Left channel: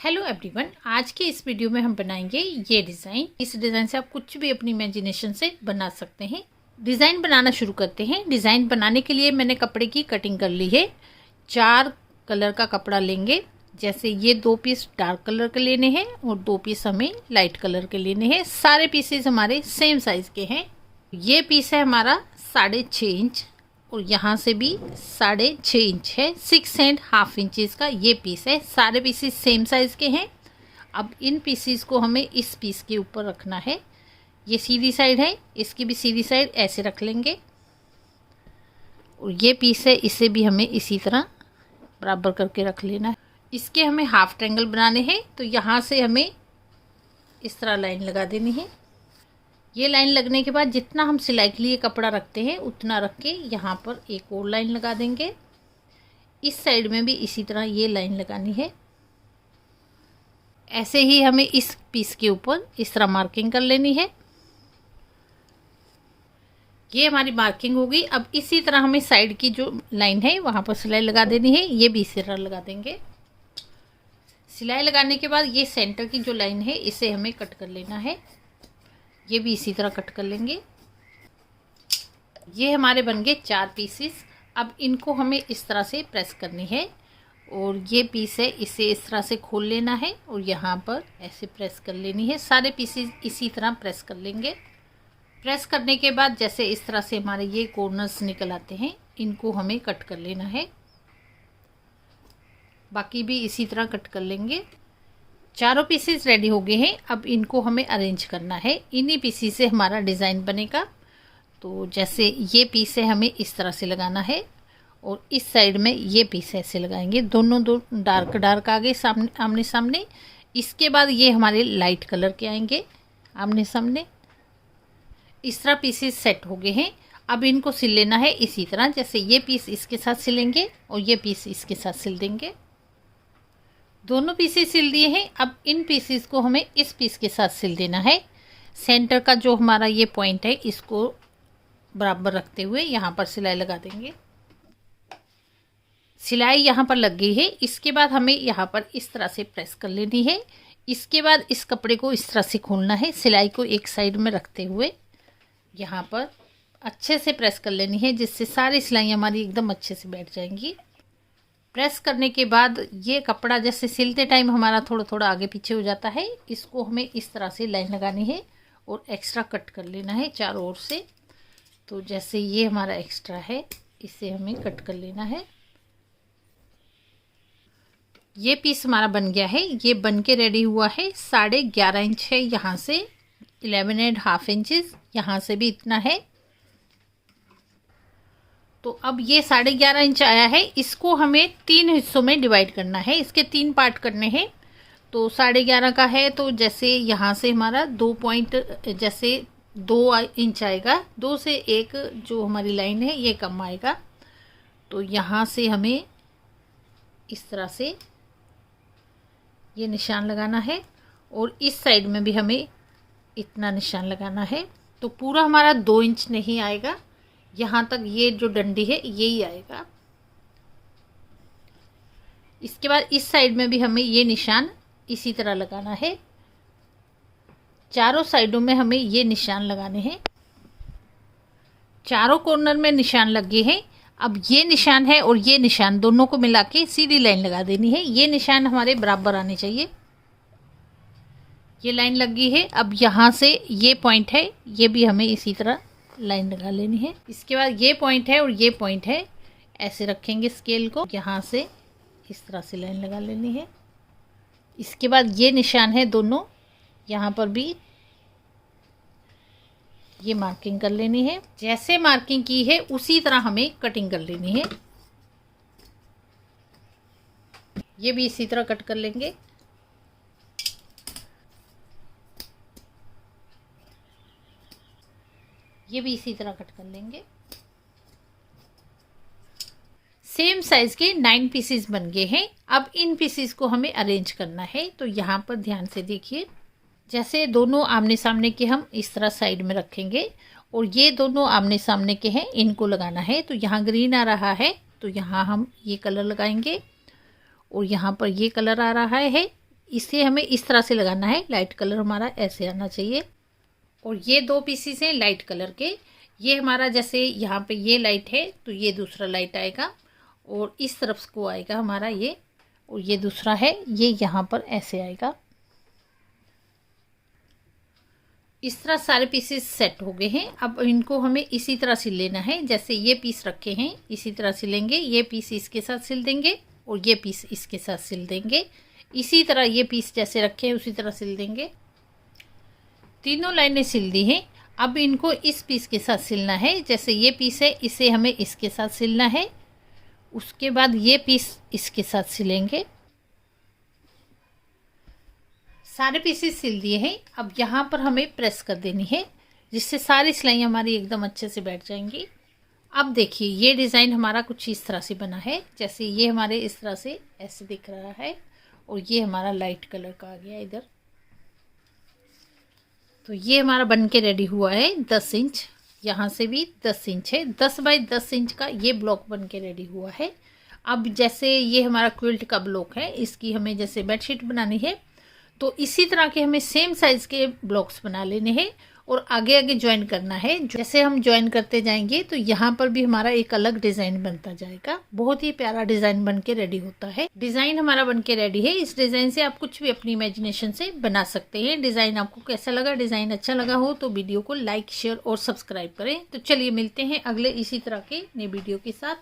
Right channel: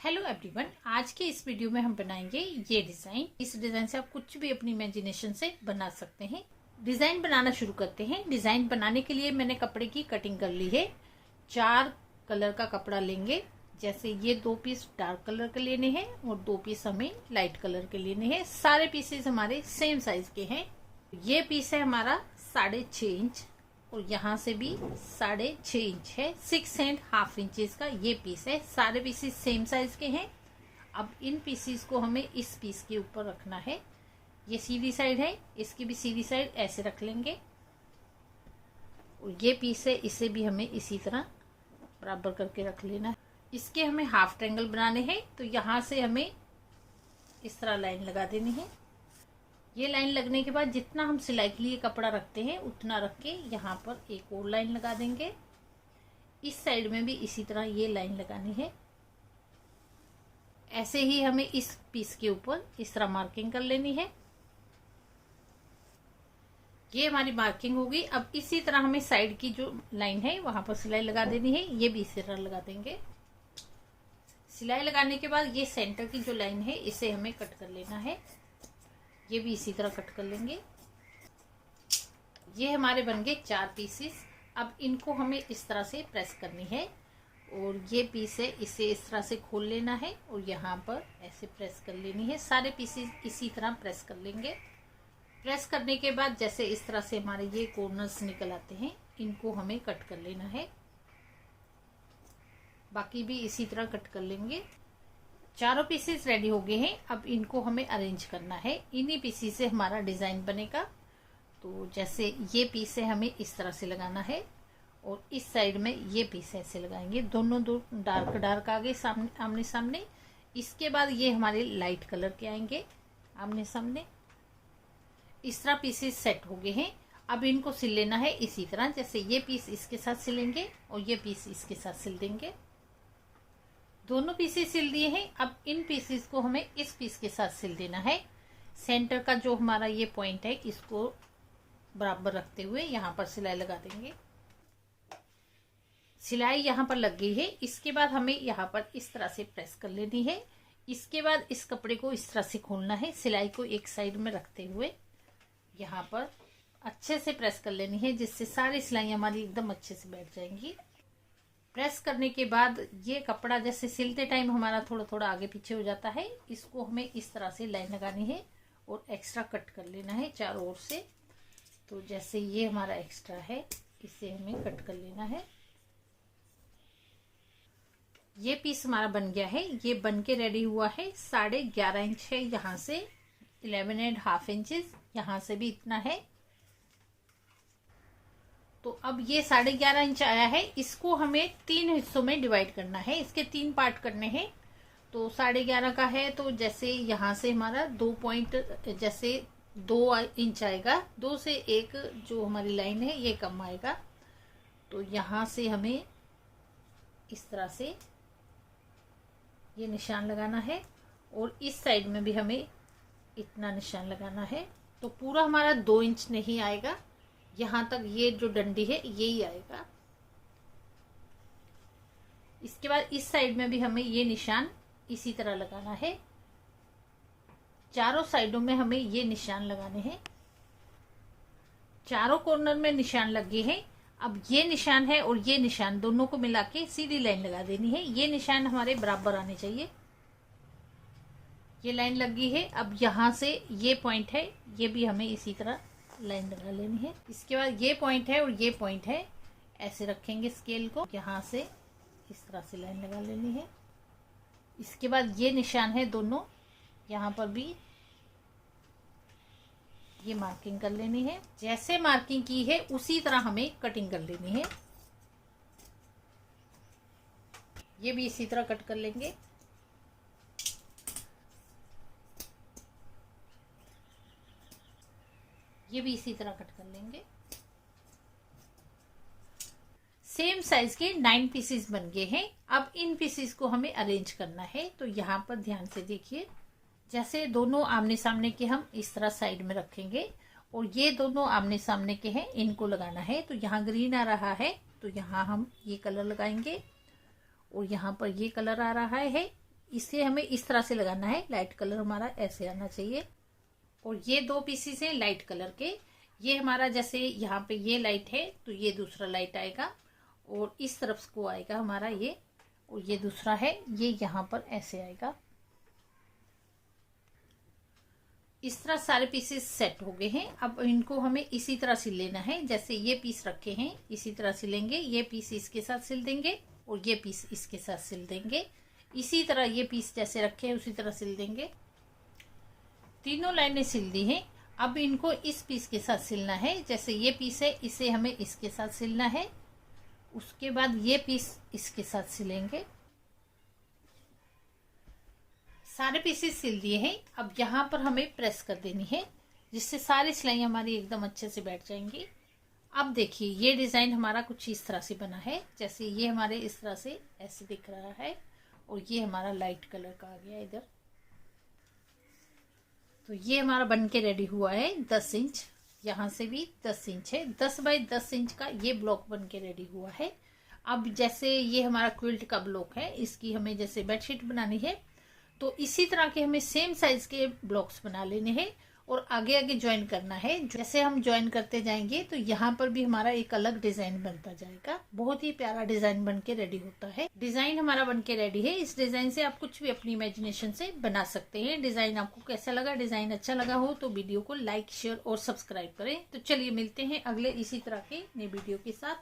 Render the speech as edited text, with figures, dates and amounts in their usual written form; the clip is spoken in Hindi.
हेलो एवरीवन, आज के इस वीडियो में हम बनाएंगे ये डिज़ाइन। इस डिज़ाइन से आप कुछ भी अपनी इमेजिनेशन से बना सकते हैं। डिज़ाइन बनाना शुरू करते हैं। डिज़ाइन बनाने के लिए मैंने कपड़े की कटिंग कर ली है। 4 कलर का कपड़ा लेंगे। जैसे ये 2 पीस डार्क कलर के लेने हैं और 2 पीस हमें लाइट कलर के लेने हैं। सारे पीसेस हमारे सेम साइज़ के हैं। ये पीस है हमारा 6.5 इंच और यहाँ से भी 6.5 इंच है। 6.5 इंचेस का ये पीस है। सारे पीसेस सेम साइज़ के हैं। अब इन पीसेस को हमें इस पीस के ऊपर रखना है। ये सीधी साइड है, इसकी भी सीधी साइड ऐसे रख लेंगे। और ये पीस है, इसे भी हमें इसी तरह बराबर करके रख लेना है। इसके हमें हाफ ट्रायंगल बनाने हैं, तो यहाँ से हमें इस तरह लाइन लगा देनी है। ये लाइन लगने के बाद जितना हम सिलाई के लिए कपड़ा रखते हैं उतना रख के यहाँ पर एक और लाइन लगा देंगे। इस साइड में भी इसी तरह ये लाइन लगानी है। ऐसे ही हमें इस पीस के ऊपर इस तरह मार्किंग कर लेनी है। ये हमारी मार्किंग होगी। अब इसी तरह हमें साइड की जो लाइन है वहाँ पर सिलाई लगा देनी है। ये भी इसी तरह लगा देंगे। सिलाई लगाने के बाद ये सेंटर की जो लाइन है इसे हमें कट कर लेना है। ये भी इसी तरह कट कर लेंगे। ये हमारे बन गए 4 पीसेस। अब इनको हमें इस तरह से प्रेस करनी है और ये पीस है, इसे इस तरह से खोल लेना है और यहाँ पर ऐसे प्रेस कर लेनी है। सारे पीसेस इसी तरह प्रेस कर लेंगे। प्रेस करने के बाद जैसे इस तरह से हमारे ये कॉर्नर्स निकल आते हैं, इनको हमें कट कर लेना है। बाकी भी इसी तरह कट कर लेंगे। चारों पीसेस रेडी हो गए हैं। अब इनको हमें अरेंज करना है। इन्हीं पीसेस से हमारा डिज़ाइन बनेगा। तो जैसे ये पीस है, हमें इस तरह से लगाना है और इस साइड में ये पीस ऐसे लगाएंगे। दोनों दो डार्क आगे सामने आमने सामने। इसके बाद ये हमारे लाइट कलर के आएंगे आमने सामने। इस तरह पीसेस सेट हो गए हैं। अब इनको सिल लेना है इसी तरह। जैसे ये पीस इसके साथ सिलेंगे और ये पीस इसके साथ सिल देंगे। दोनों पीसेस सिल दिए हैं। अब इन पीसेस को हमें इस पीस के साथ सिल देना है। सेंटर का जो हमारा ये पॉइंट है इसको बराबर रखते हुए यहाँ पर सिलाई लगा देंगे। सिलाई यहाँ पर लग गई है। इसके बाद हमें यहाँ पर इस तरह से प्रेस कर लेनी है। इसके बाद इस कपड़े को इस तरह से खोलना है। सिलाई को एक साइड में रखते हुए यहाँ पर अच्छे से प्रेस कर लेनी है, जिससे सारी सिलाई हमारी एकदम अच्छे से बैठ जाएंगी। प्रेस करने के बाद ये कपड़ा जैसे सिलते टाइम हमारा थोड़ा थोड़ा आगे पीछे हो जाता है, इसको हमें इस तरह से लाइन लगानी है और एक्स्ट्रा कट कर लेना है चारों ओर से। तो जैसे ये हमारा एक्स्ट्रा है, इसे हमें कट कर लेना है। ये पीस हमारा बन गया है। ये बन के रेडी हुआ है। 11.5 इंच है यहाँ से, 11.5 इंचेस यहाँ से भी इतना है। तो अब ये 11.5 इंच आया है। इसको हमें 3 हिस्सों में डिवाइड करना है। इसके 3 पार्ट करने हैं। तो 11.5 का है, तो जैसे यहाँ से हमारा 2 पॉइंट जैसे 2 इंच आएगा। 2 से 1 जो हमारी लाइन है ये कम आएगा। तो यहाँ से हमें इस तरह से ये निशान लगाना है और इस साइड में भी हमें इतना निशान लगाना है। तो पूरा हमारा 2 इंच नहीं आएगा, यहाँ तक ये जो डंडी है यही आएगा। इसके बाद इस साइड में भी हमें ये निशान इसी तरह लगाना है। चारों साइडों में हमें ये निशान लगाने हैं। चारों कॉर्नर में निशान लग गए हैं। अब ये निशान है और ये निशान दोनों को मिला के सीधी लाइन लगा देनी है। ये निशान हमारे बराबर आने चाहिए। ये लाइन लग गई है। अब यहाँ से ये पॉइंट है, ये भी हमें इसी तरह लाइन लगा लेनी है। इसके बाद ये पॉइंट है और ये पॉइंट है, ऐसे रखेंगे स्केल को। यहाँ से इस तरह से लाइन लगा लेनी है। इसके बाद ये निशान है दोनों, यहाँ पर भी ये मार्किंग कर लेनी है। जैसे मार्किंग की है उसी तरह हमें कटिंग कर लेनी है। ये भी इसी तरह कट कर लेंगे। ये भी इसी तरह कट कर लेंगे। सेम साइज के 9 पीसेस बन गए हैं। अब इन पीसेस को हमें अरेंज करना है। तो यहाँ पर ध्यान से देखिए, जैसे दोनों आमने सामने के हम इस तरह साइड में रखेंगे और ये दोनों आमने सामने के हैं, इनको लगाना है। तो यहाँ ग्रीन आ रहा है, तो यहाँ हम ये कलर लगाएंगे और यहाँ पर ये कलर आ रहा है, इसे हमें इस तरह से लगाना है। लाइट कलर हमारा ऐसे आना चाहिए। और ये 2 पीसीस हैं लाइट कलर के। ये हमारा जैसे यहाँ पे ये लाइट है तो ये दूसरा लाइट आएगा और इस तरफ को आएगा हमारा ये, और ये दूसरा है ये यहाँ पर ऐसे आएगा। इस तरह सारे पीसेस सेट हो गए हैं। अब इनको हमें इसी तरह सिल लेना है। जैसे ये पीस रखे हैं इसी तरह सिलेंगे। ये पीस इसके साथ सिल देंगे और ये पीस इसके साथ सिल देंगे। इसी तरह ये पीस जैसे रखे हैं उसी तरह सिल देंगे। तीनों लाइनें सिल दी हैं। अब इनको इस पीस के साथ सिलना है। जैसे ये पीस है इसे हमें इसके साथ सिलना है। उसके बाद ये पीस इसके साथ सिलेंगे। सारे पीसेस सिल दिए हैं। अब यहाँ पर हमें प्रेस कर देनी है जिससे सारी सिलाई हमारी एकदम अच्छे से बैठ जाएंगी। अब देखिए ये डिज़ाइन हमारा कुछ इस तरह से बना है। जैसे ये हमारे इस तरह से ऐसे दिख रहा है और ये हमारा लाइट कलर का आ गया इधर। तो ये हमारा बन के रेडी हुआ है। 10 इंच, यहाँ से भी 10 इंच है। 10 बाई 10 इंच का ये ब्लॉक बन के रेडी हुआ है। अब जैसे ये हमारा क्विल्ट का ब्लॉक है, इसकी हमें जैसे बेडशीट बनानी है तो इसी तरह के हमें सेम साइज़ के ब्लॉक्स बना लेने हैं और आगे आगे ज्वाइन करना है। जैसे हम ज्वाइन करते जाएंगे तो यहाँ पर भी हमारा एक अलग डिज़ाइन बनता जाएगा। बहुत ही प्यारा डिज़ाइन बन के रेडी होता है। डिज़ाइन हमारा बन के रेडी है। इस डिज़ाइन से आप कुछ भी अपनी इमेजिनेशन से बना सकते हैं। डिज़ाइन आपको कैसा लगा? डिज़ाइन अच्छा लगा हो तो वीडियो को लाइक, शेयर और सब्सक्राइब करें। तो चलिए मिलते हैं अगले इसी तरह के नए वीडियो के साथ।